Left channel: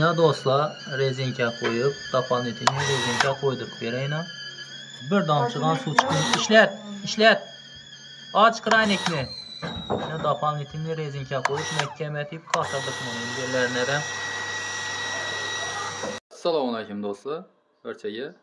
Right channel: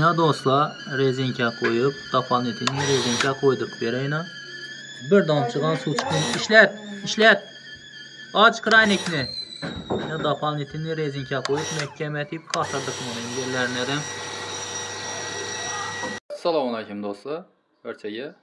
Ya dostlar, rezinka koyup, doполнительный rezinka koyduk bereyna. Bir damcıgan su çıkın. İşlet. Aç kraynikni. Ya doполнительный rezinka koyup, mehkemetip katladık bunu yerlerine. Assalomu alaykum do'stlar. Barchaga.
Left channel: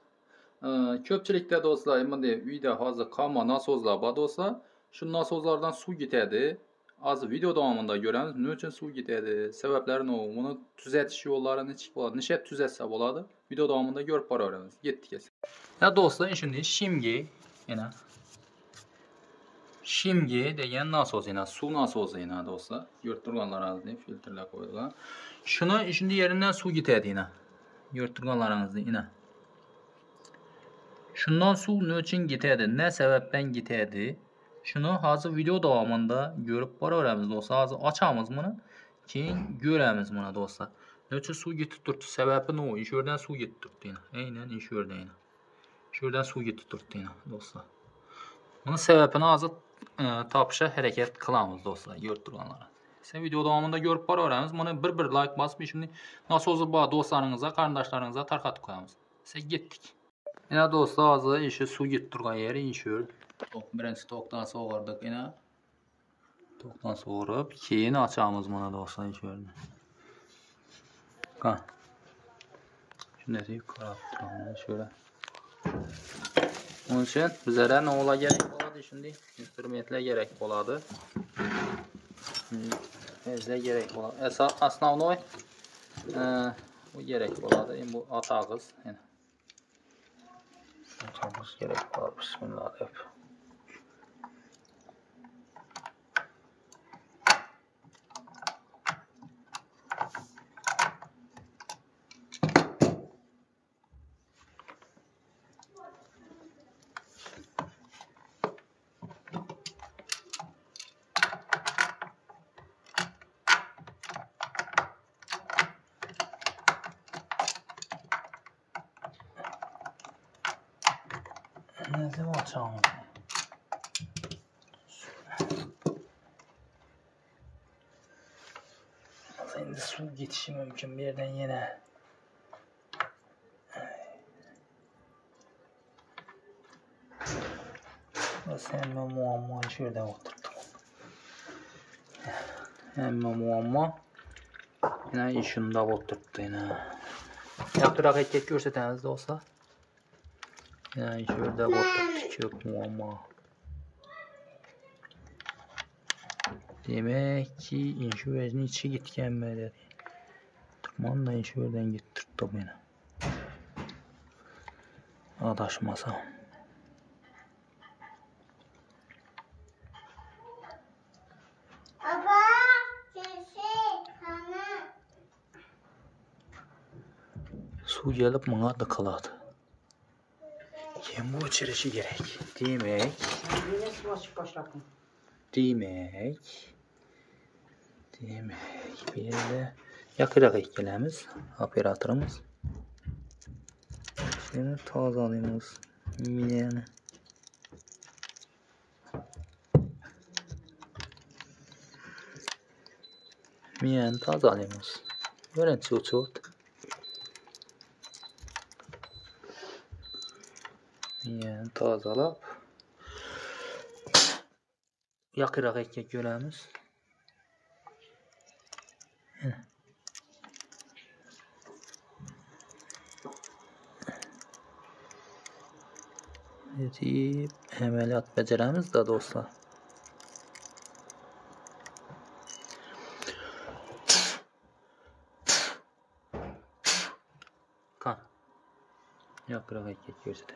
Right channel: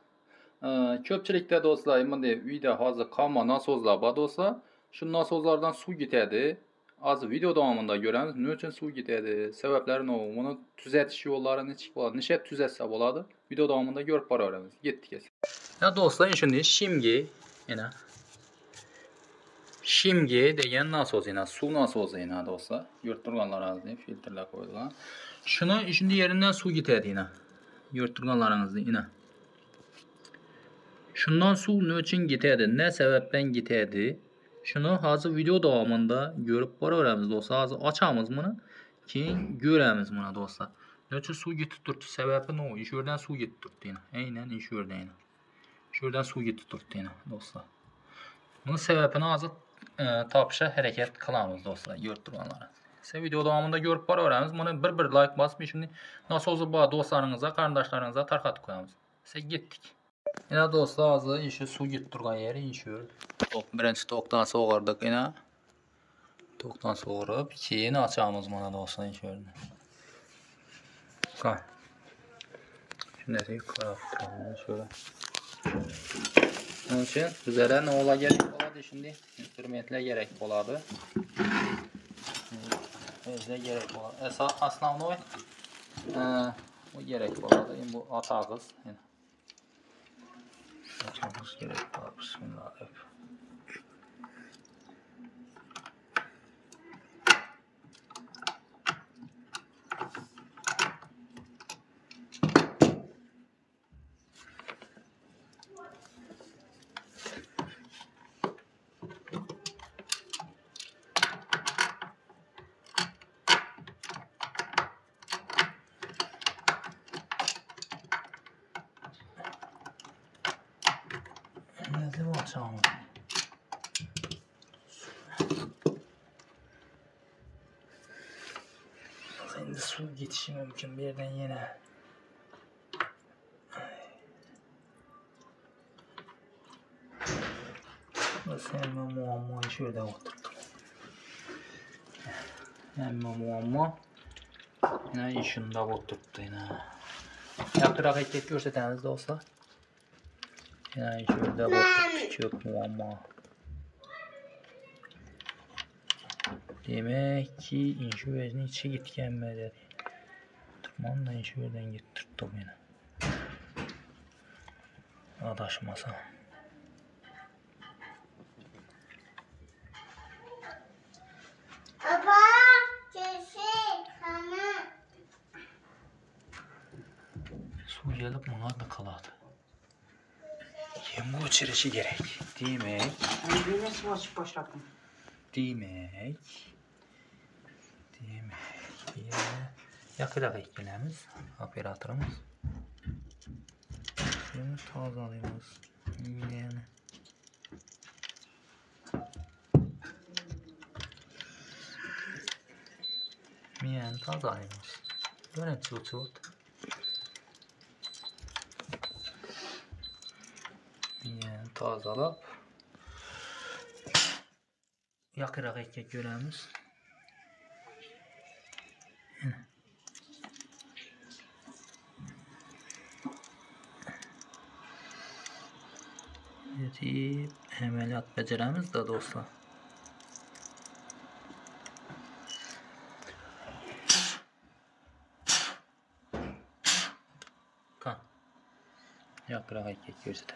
Ko'pchilikda do'stlar, bunday uyda hozir qolma nasozlar bor do'stlar. Shu nasozlardan suv ketadi. Hozir video davomida ko'ramiz, nima uchun suv ketadi, sabablari nima, buni tuzatish yo'llarini nechik bo'ladi, necha tuzatsa bo'ladi. Video davomida ko'rib boraveramiz. Ketdik esa. Ya do'stlar, shunday shimgi, yana shimgi degan nasoz yana suv nasozi yana do'stlar. Ko'rib turganlaringizni filtrlar qo'yilgan. Shuni shunday yeridan suv ketadi yana. Ko'rib turganlaringizni yana. Shundan suv ne uchun ketadi, ne sebepten ketadi? Şunu hazır video davamında görüp boraveramiz dostlar. Hazır açamiz bunu. Keyin göremiz buna dostlar. Ne uchun suv ketib turibdi? Sebebi ne? Ish yerdan suv ketib turibdi yana. Aynan ish yerdan yana. Ish yerdan suv ketib turibdi yana dostlar. Bunun sebebini hazır topishga harakat qilamiz dostlar. Ko'rib turganlar. Siz video davomida ko'rib boraveramiz. Buni bir like bosib, shuni nasozi bor do'stlaringizga, qarindoshlaringizga tarqatib qo'yamiz. Siz ketdik. Yine dostlar hazır işi su git turgan yeri inşür. Birinci toktan soğurdık yine. Toktan soğurup keyin açamız buna dostlar inşürünü. Kan. Şimdi de karab turalım şöyle. Onun için bizlere ne ola gerek oladı şimdi? Instrumentler gerek oladı. Bizle gerek oladı. Основной gerek oladı. Bu atağız. Yani. Açmamız gerek var. Bismillahirrahmanirrahim. Ne açalım? Şimdi su geçişi mümkün bir yerden yine. Hemen muammayı şöyle oturttum. Hemen muamma yine işinde oturttu yine. Yaptırak ettik görsətəniz dostlar. Yine şöyle oturttu çok muamma. Demek ki inşüvezin içi gitkenmeleri. Tırman da inşüvezden gittirdim yine. Adaşmasa. Su gelip bana da kaladı. Kim bu içirişi gerek? Demek. Yine su açıp başladım. Demek bir yerde yakırak eklememiz operatörümüz. Şunu tazeleyimiz. Yani. Yani tazeleyimiz. Böyle çok. Yani tazelap yakırak ekmek göremiz. Deyip əməliyyat beceremiz de dostlar. Kan. Yakırak ekmek görsədə.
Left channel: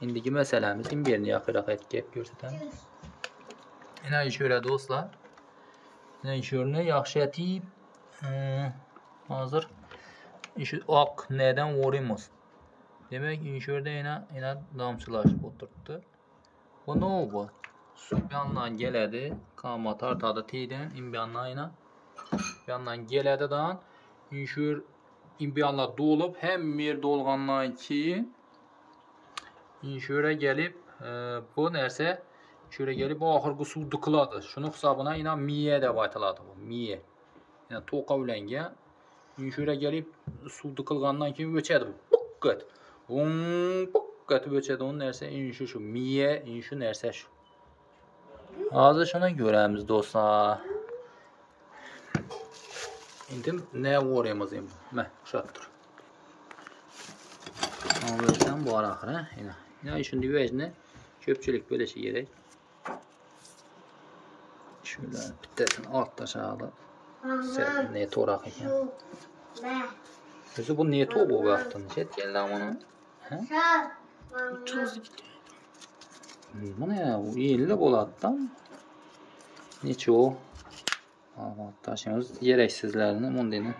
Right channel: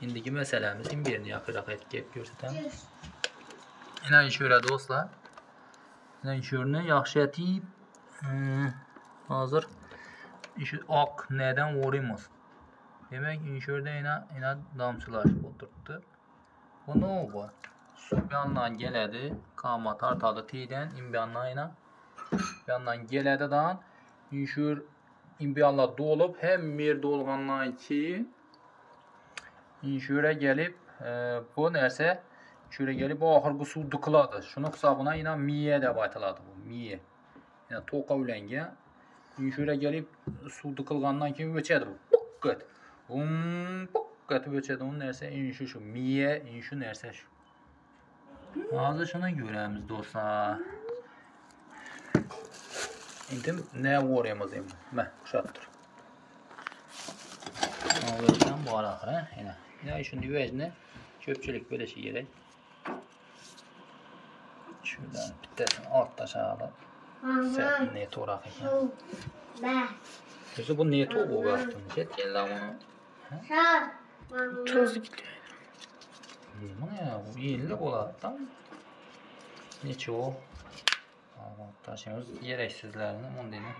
İndiki məsələmiz birini yakırak ekmek görsətəm. Şöyle dostlar. Şöyle yaxşı etib hazır işi ak neden vurayımız. Demek inşörde yine damçılaşıp oturttu. Bu ne oldu? Su bir yandan geledi. Kama tartadı tiden. Bir yandan geledi dan. İnşör bir yandan dolup hem bir dolgandan ki inşöre gelip bu nerse şöyle gelip o ahırgı su dıkıladı. Şunu hesabına yine miye de baytıladı bu. Miye. Yani toqa ulangan. Shura kelib suvni qilgandan keyin o'chadi bu. Puqqat. Puqqat o'chadi o narsa shu miya, shu narsa shu. Hozir shuni ko'ramiz do'stlar. Endi ne o'raymiz endi? Mana o'xshab tur. O'raysan bor axir, yana. Yana shunday vajni ko'pchilik bo'lishi kerak. Shularni bittasini olib tashladi. Ne to'roq ekan. O'zi bu ne to'q bo'lyapti? Chetkenlar buni. To'zi ketdi. Mana bu 50 bo'ladi-da. Necha o? Tashimiz keraksizlarni bundayni.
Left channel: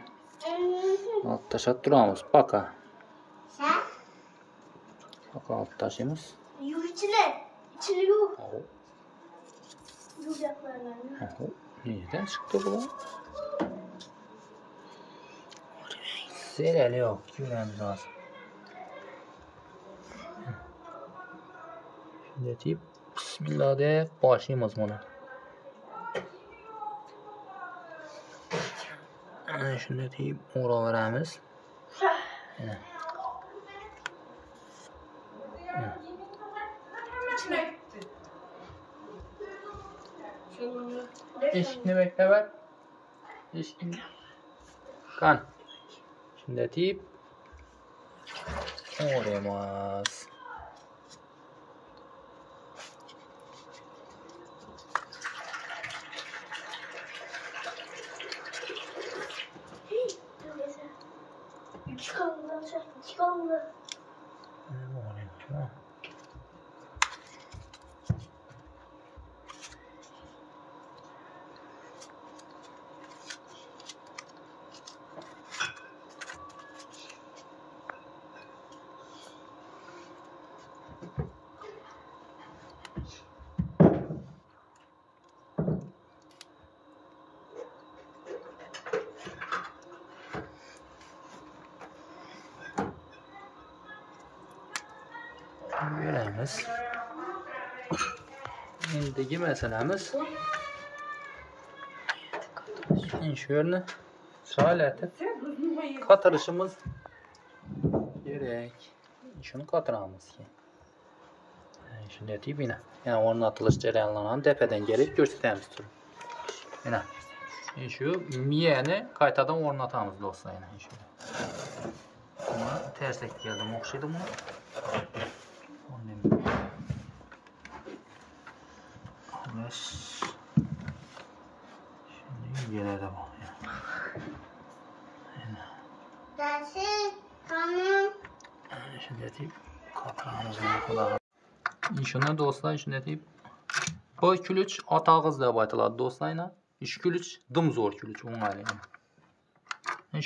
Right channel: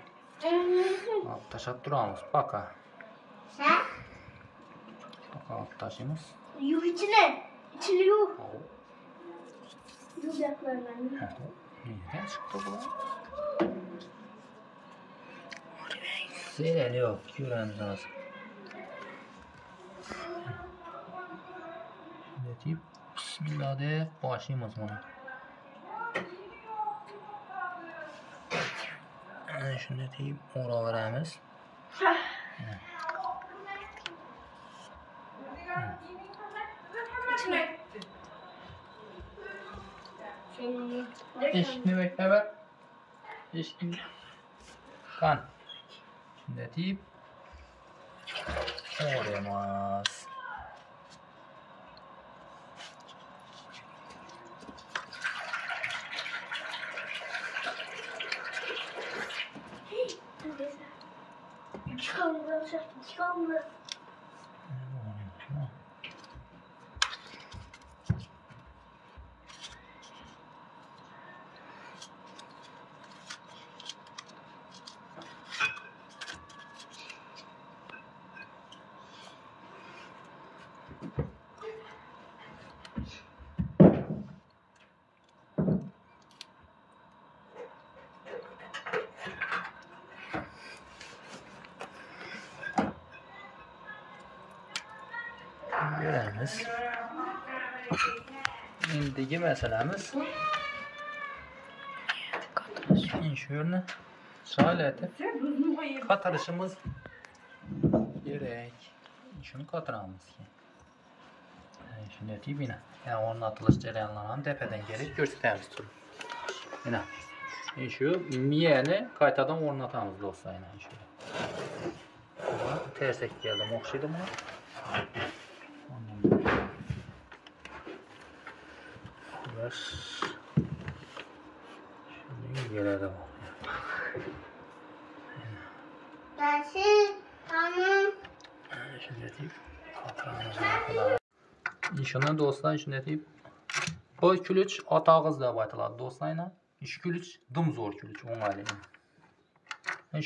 Olib tashlab turamiz. Paka. Paka olib tashimiz. Yuv ichini yuv. Neyden çıktı bu lan? Zeleli yok. Görmemiz lazım. Şimdi deyip Bismillah de başlayalım buna. Şimdi deyip ora veremiz. Eşkini bekle ver. Eşkini. Kan. Şimdi deyip orayamaz. Çıkalım. Göremiz. Şimdiki meselemiz şöyle salete katırışımız gerek. Şunu katıramız ki. Şimdi etiyip yine. Yani onun atılış cereyanlarını tepeden gelip gösterimiz durur. Yine. Şu miyeni kaytadan ornatamız dostlar yine. Şöyle. Ama tersek geldim. Okşaydım mı? Şimdi gelede bu. Dersin tamam. Şimdi deyip katranımızı kadar. İnşallah dostlar şimdi deyip bu külüç atağız diye baytıladı dostlarına. İş külüç dım zor külüç onun ailesi.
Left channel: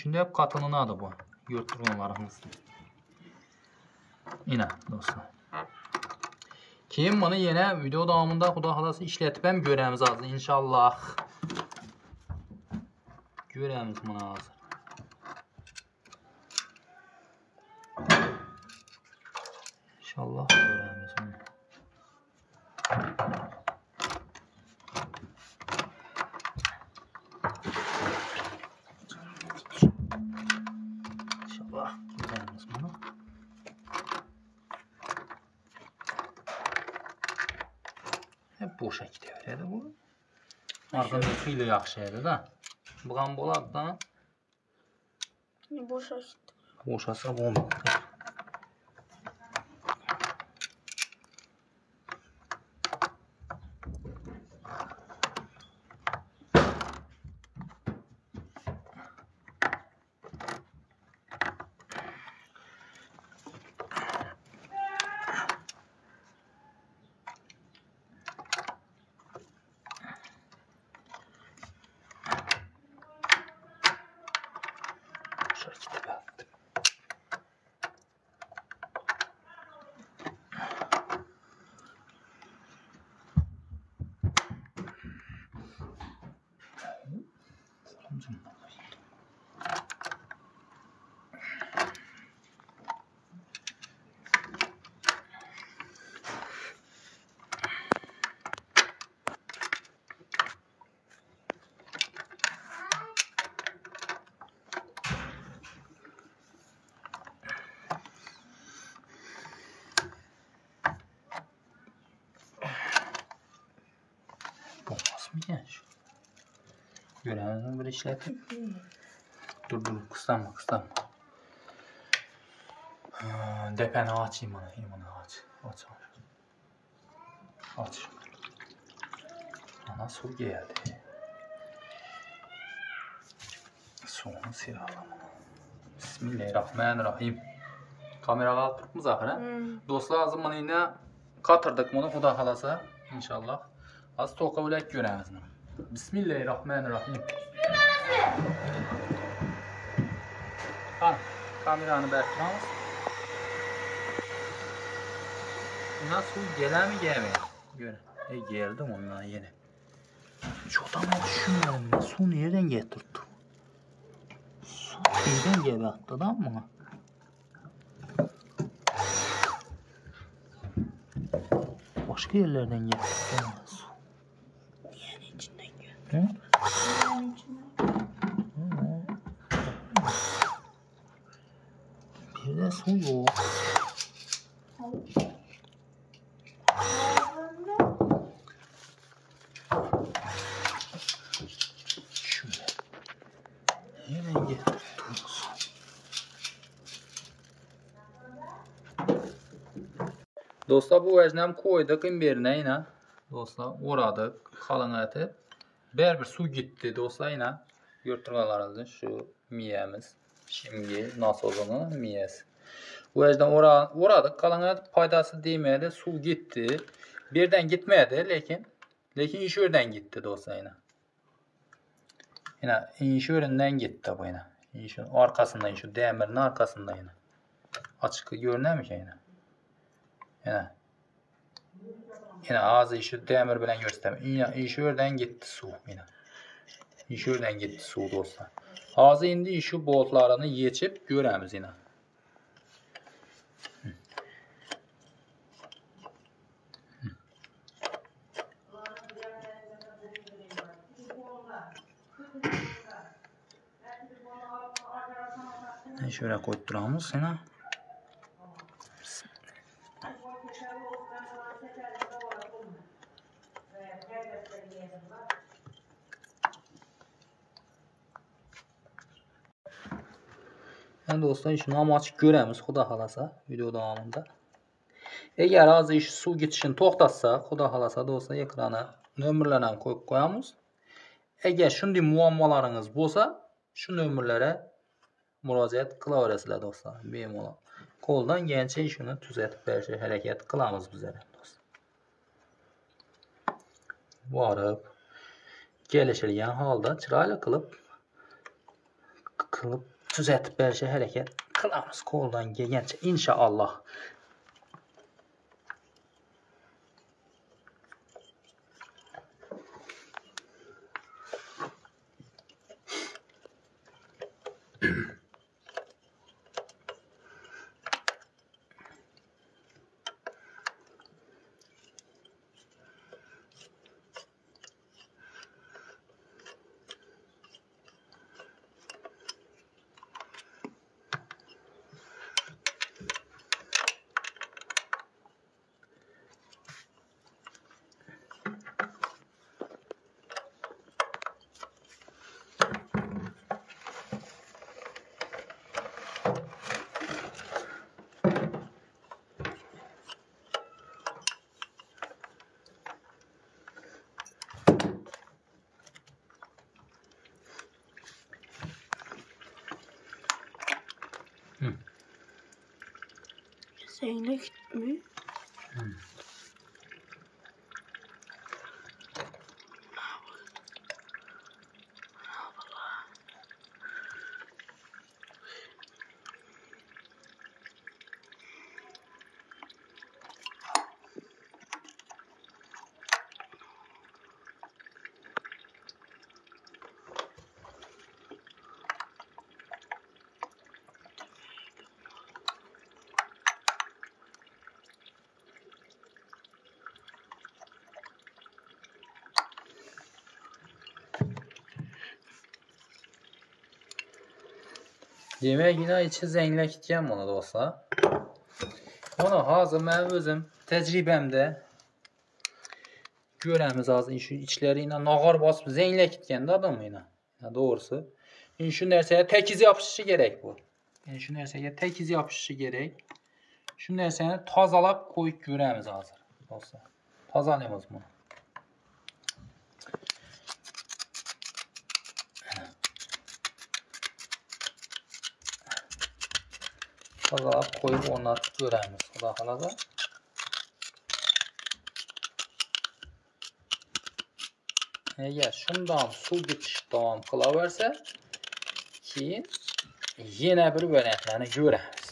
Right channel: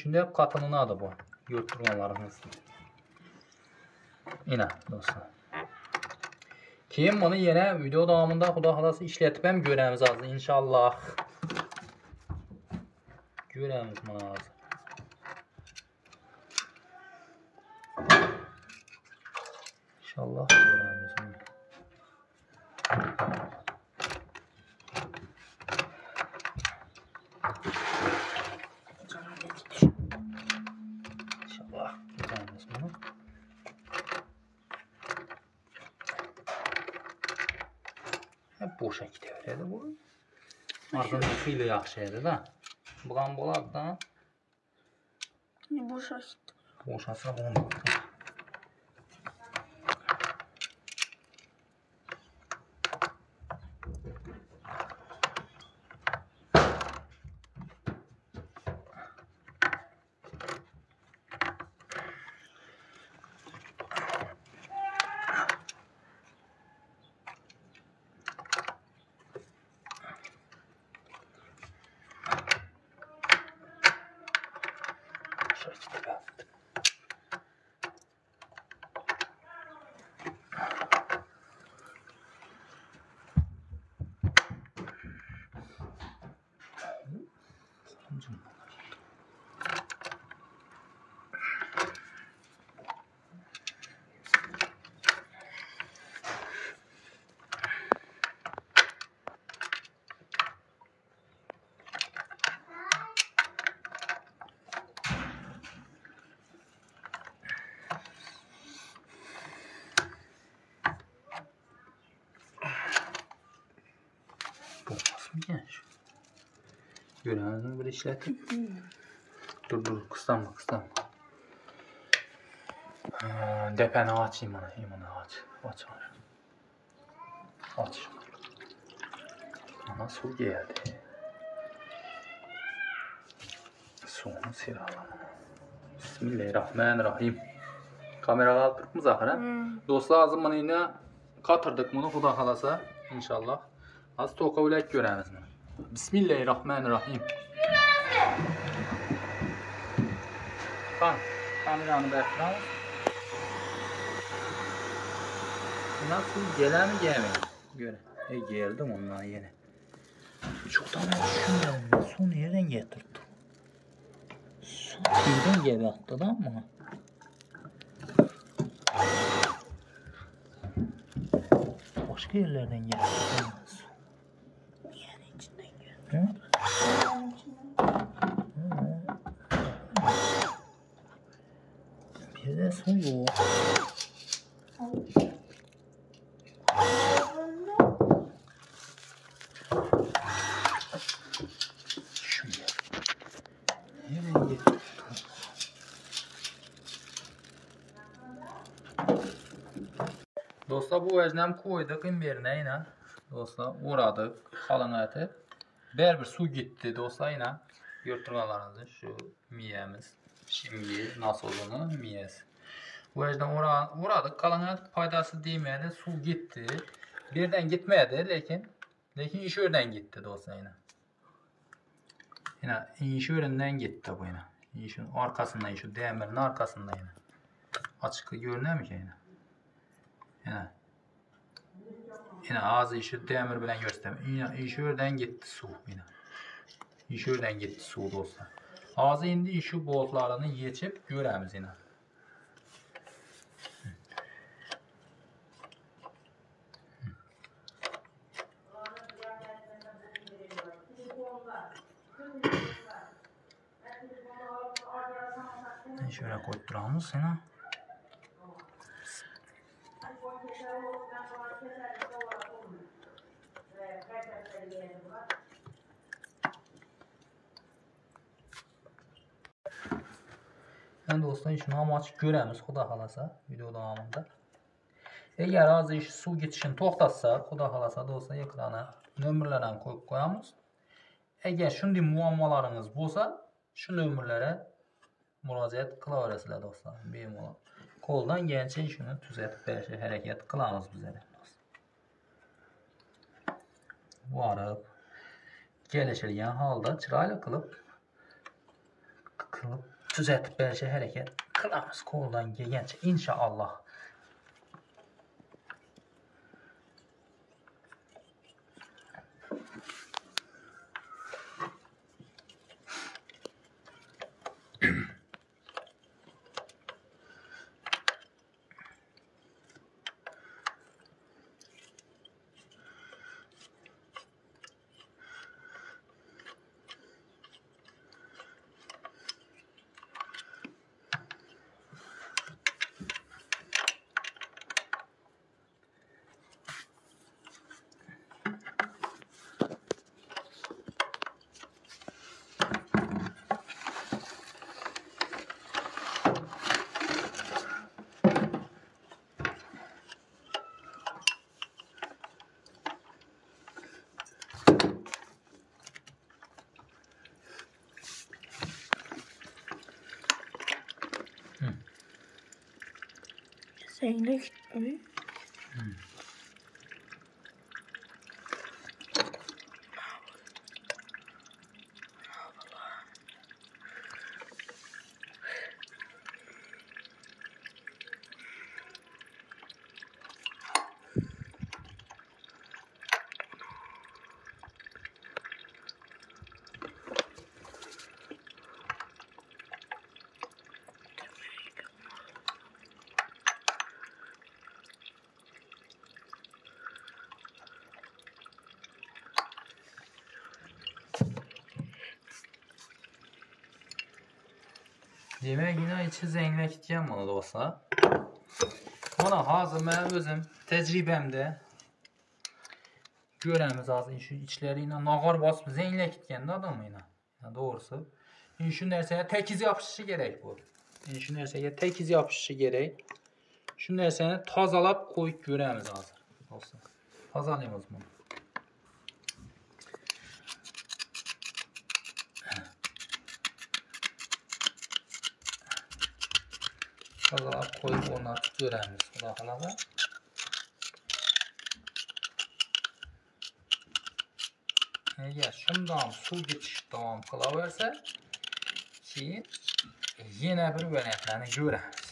Şimdi hep katının adı bu. Yurtturmalarımız. Yine dostlar. Keyin buni yana video davomida xudo xolasa ishlatib ham ko'ramiz hozir inshaalloh. Ko'ramiz buni hozir. İnshaalloh ko'ramiz buni. İnshaalloh ko'ramiz buni. Hep boşa gidiveradi bu. Arqanda xeyli yaxshi edi-da. Bu ham bo'ladi-da. Boşa gitti. Bo'shasa bo'lmaydi. ekan shu. Görəmizmi bir işlətib? Dur, kıslanma. Depəni açayım bunu, aç. Aç. Ana su geldi. Suyunu sıralım. Bismillahirrahmanirrahim. Kamera kaldırdık mı Zahra? Dostlar azım bunu yine katırdık bunu Xuda xalasa inşallah. Az toka bilək görəmiz. Bismillahirrahmanirrahim. Kameranı bərtirəmiz. Nasıl gələr mi gəlmir? Görə. Geldim ondan yeni. Çok da ben düşünmüyorum ya. Su nereden getirdi? Su nereden geldi atladan mı? Başka yerlerden geldi. Su. Yani içinden geldi. Hı? Yani içinden. Bir de su yok. Dostlar bu vecnem koyduk imbirine yine. Dostlar uğradık kalın eti. Bir su gitti dostlar yine. Yırtırgalarımızın şu miyemiz. Şimdi nasozunu miyesi. Bu vecden uğradık kalın et paydası değmedi. Su gitti. Birden gitmedi lekin iş yerden gitti dostlar yine. Yine iş yerinden gitti bu yine. İşin arkasında şu demirin arkasında yine. Açık görünüyor mu yine? Yine ağzı işi demir bilen göstereyim. Yine iş yerden gitti su yine. İş yerden gitti su dostlar. Ağzı indi işi boltlarını geçip göremiz yine. Şöyle koyduramız sana. Yani dostlar şunu amaç göremiz Xuda xalasa video davamında. Eğer azı iş su geçişini toxtatsa Xuda xalasa dostlar ekrana nömrlərlə koyup koyamız. Eğer şunday muammalarınız bolsa şu nömrlərə müraciət qıla verəsilər dostlar. Bemalol. Koldan gəlcə işini düzəltib bəlkə hərəkət qılamız bizlərə dostlar. Varıb gəlişilən halda çırayla qılıb düzəltib bəlkə hərəkət qılamız koldan gəlcə inşallah. Zeynep mi? Demək yine içi zənglə gitgən bunu dostlar. Onu hazır mən özüm təcrübəmdə göremiz azı şu içleriyle nağar basıp zeynle gitgende adamıyla. Ya doğrusu. Şu nerseye tek izi yapışışı gerek bu. Şu nerseye tek izi yapışışı gerek. Şu nerseni tazalap koyup göremiz hazır. Olsa. Tazalayamaz bunu. Tazalap koyup onları göremiz. Xuda xalada. Eğer şundan su geçiş devam kılaverse ki yine bir böreklerini göremiz.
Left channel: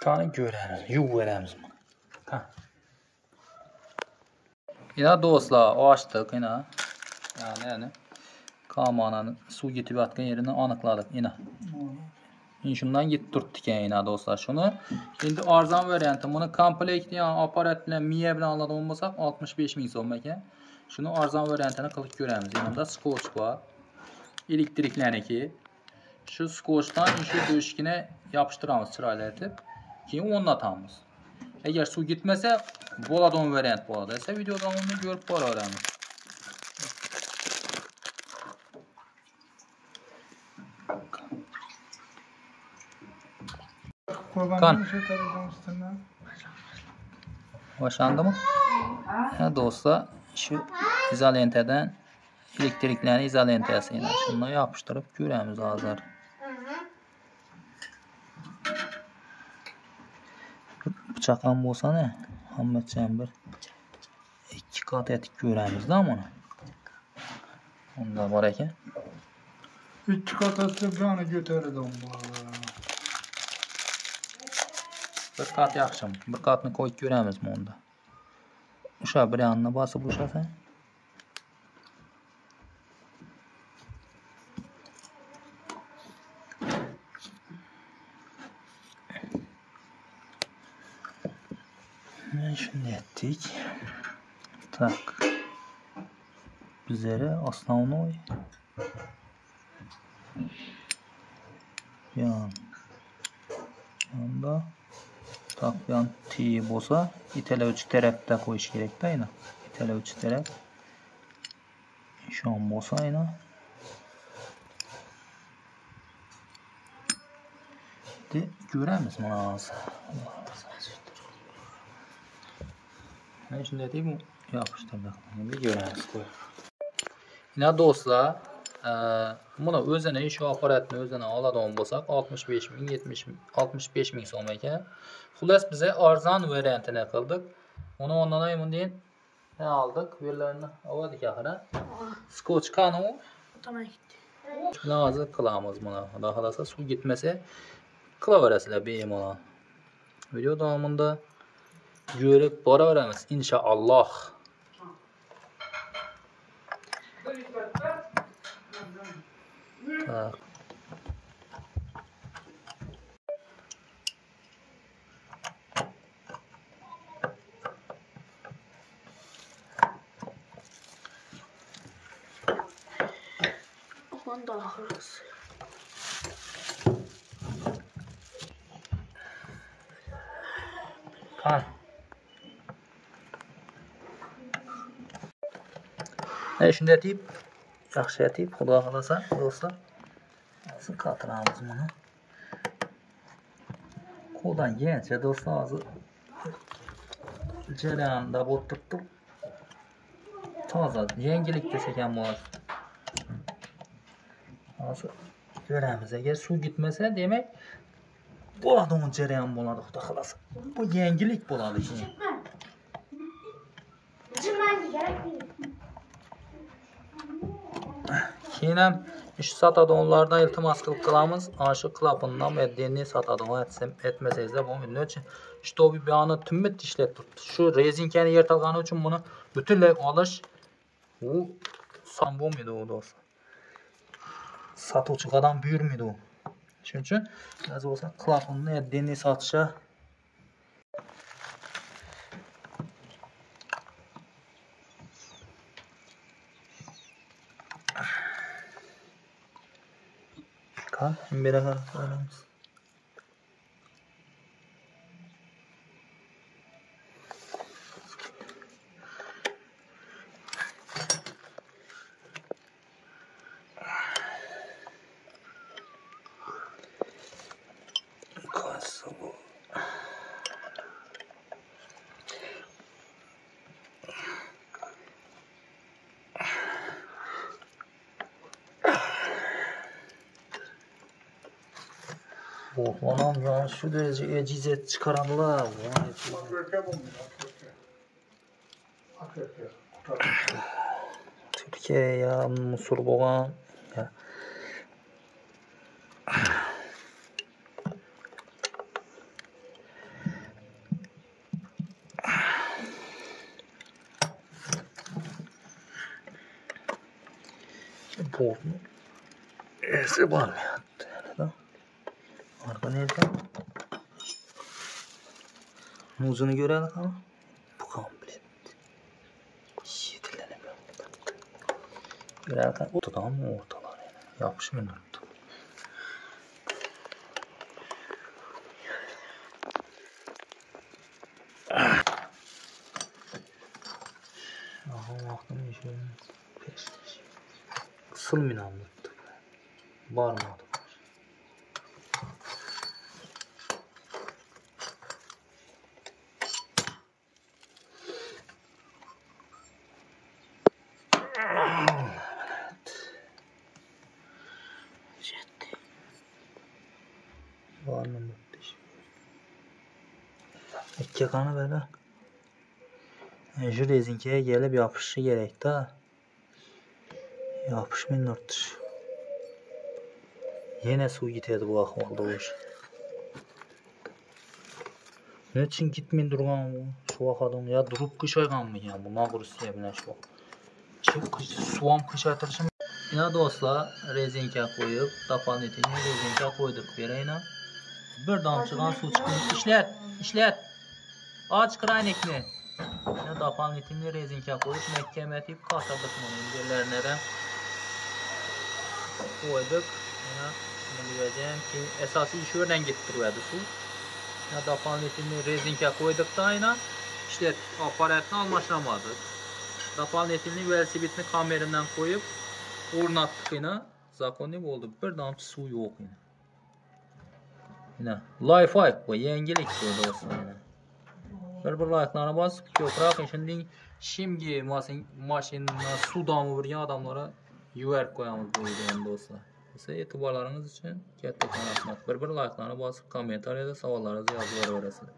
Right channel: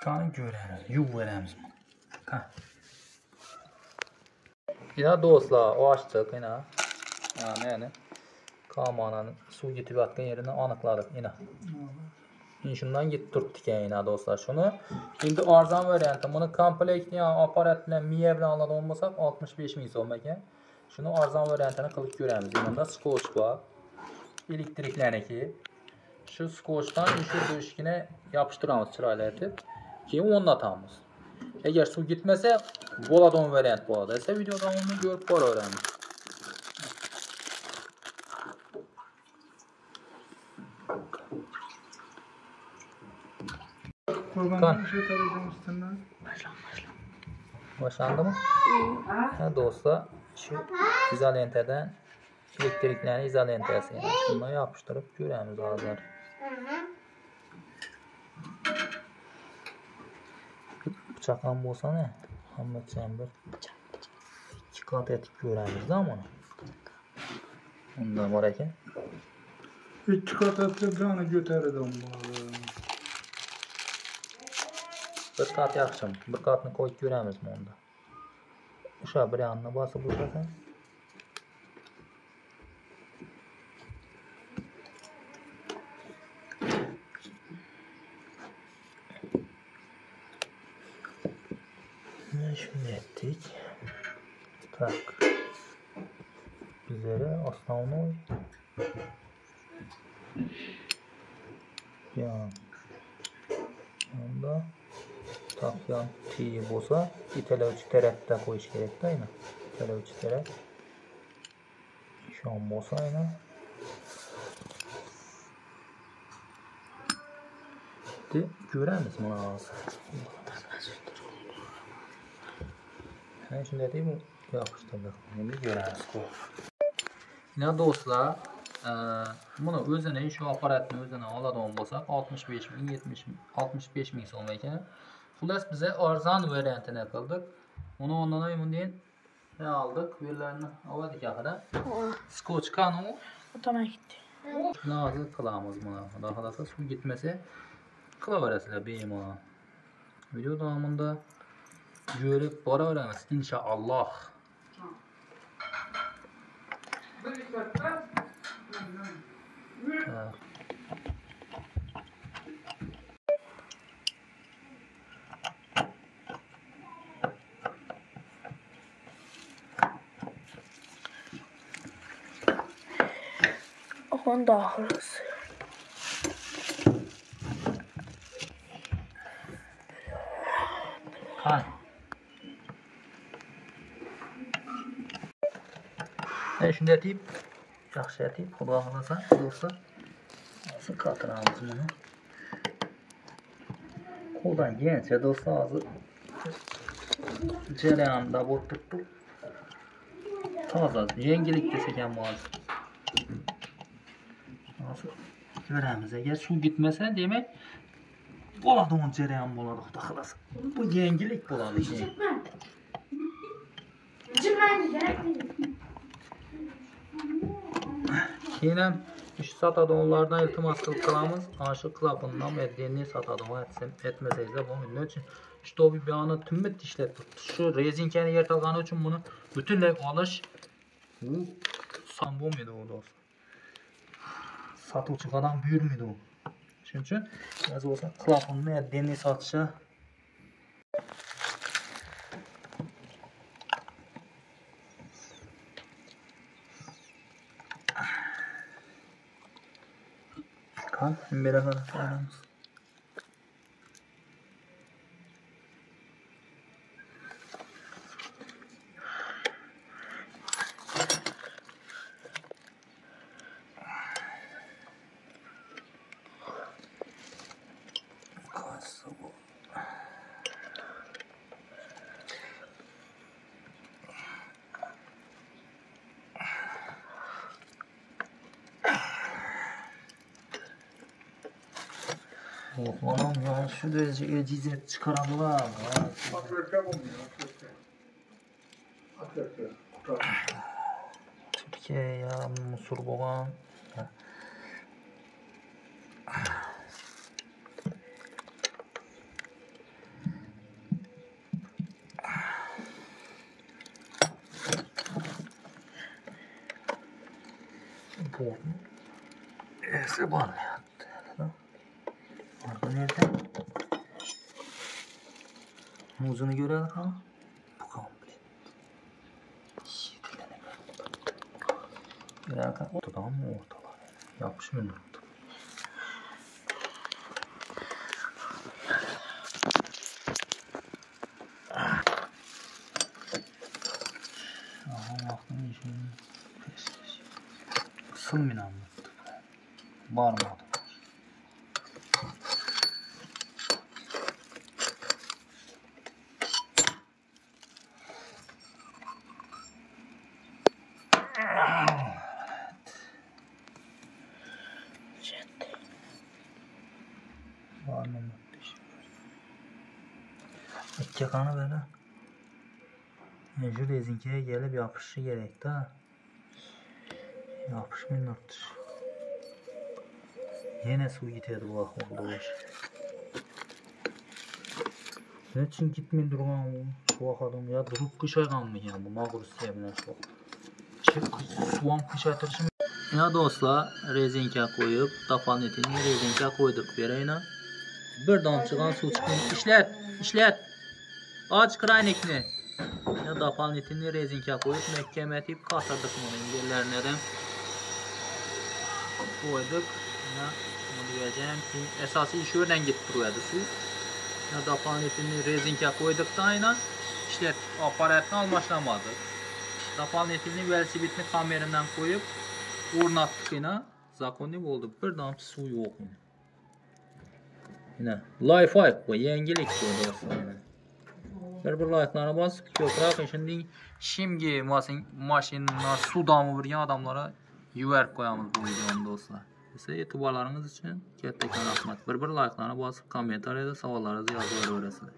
Tane göremiz, yuv veremiz bunu. Yine dostlar açtık yine. Yani kamananın su getirip atkan yerini anıkladık yine. Şundan gittirdik yine dostlar şunu. Şimdi arzan variantı bunu komplekt yani aparat bilen miye bilen anladı olmasak 65 min so'm ekan. Şunu arzan variantını kılıp göremiz. Yanında skotch var. Elektrikleneki. Şu skotchdan şu döşkine yapıştıramız çıraylatıp. Keyin o'rnatamız. Eğer su gitmese bo'ladigan variant bo'ladi. Esa videoda onu görüp boraveramiz. Kan. Başlandı mı? Ya dostlar şu izolenteden elektriklerini izolentasiyle şundan yapıştırıp göremiz hazır. Bıçaqan bolsa ne? Hammacan bir ikki kat etib göremiz da bunu. Onda var ekan. İki kat etib jani götärdi onu. Bir kat yaxshi. Bir katni qo'yib ko'ramizmi unda? O'sha bir yanına bosib o'shasa. Şimdi ettik. Tak. Bizlere основной yanda tak yan T bo'lsa itelovchi tarafda qo'yish kerak-da ayni. Itelovchi taraf ishon bo'lsa ayni. De ko'ramiz mana hozir. Mana shunday deb yopishtirdik. Endi ko'ramiz qo'y. Yine dostlar, bunu o'zini shu aparatni o'zini oladigan bo'lsak 65 ming, 70 ming, 65 ming so'm ekan. Xullas bize arzon variantini qildik. Uni ondan ayman deyin ne aldık? Verilerini avadik axira. Skotch kanu. Otama gitti. Shuni hozir qilamiz buni. Xudo xolasa suv gitmasa qilaverasizlar bemalol. Video davomida görüp boraveramiz inshaalloh. Onun dahırız. Ha. Şimdi etib, yaxshi etib, xudo xolasa, do'stlar. Nasıl qatıramiz bunu? Qo'ldan kelgancha do'stlar hozir jarayonda o'tirib toza, yengillik desak ham bo'ladi. Hozir ko'ramiz. Agar suv gitmasa, demak bo'ladigan jarayon bo'ladi, xudo xolasa. Bu yengillik bo'ladi. Keyin ham ish sotadiganlarda iltimos qilamiz. Shu klapandan va denni sotadigan etmasangizlar bo'lmaydi. Nechun shtobi buyog'ini timit ishlatib turibdi. Shu rezinkani yirtilgani uchun buni Bütünlüğü alış bu san bulmaydı o dostlar. Satuvchi adam buyurmaydı o. Shuning uchun biraz olsa klapanni diniy satışa kan beraber aramız. Anam ya şu derece ecizet çıkaranlar var. Akrepe olmuyor. Akrepe. Türkiye ya musur boğan ya. Bu ese var mı ya? Orada nerede? Muzunu görelim ha. Bu komplet. Şiirlerim. Birazdan ortadan mı ortalar yani? Yapışmıyor mu? Aha baktım işin pes. Kısılmıyor anlattı. Var mı adam? Var mı? İki kanı böyle. Şu rezinkiye gelip yapışı gerek de. Yapışmıyor ortış. Yine su gitedi bu akılda bu iş. Ne için gitmeyin durgan bu? Şu akadın ya durup kış aygan mı ya bu Magrusiye bilen şu. Çok suam kış aytırışım. Ya dostlar rezinke koyup tapan etini rezinke koyduk vereyna. Bir damçıgan su çıkın. İşlet. Aç kraynikni. Ya tapan etini rezinke koyup mekkemetip katladık bunu yerlerine de. Koyduk. Ya bunu diyeceğim ki esası iş örnen gittiriyordu su. Ya tapan etini rezinke koyduk da aynen. İşte aparatını almaşlamadı. Tapan etini velosipedini kamerimden koyup ornattık yine. Zakonni oldu. Bir damcı su yok yine. Yine Li-Fi bu yengilik bu dostlar yine. Bir like'larına basıp köprak şimdi maşinına su damı bir adamlara yuvark koyamız bu videonun dostlar. Size etibarlarınız için katta rahmet. Bir like'larına basıp kommentariyada savollarınızı yazıver öğresiniz.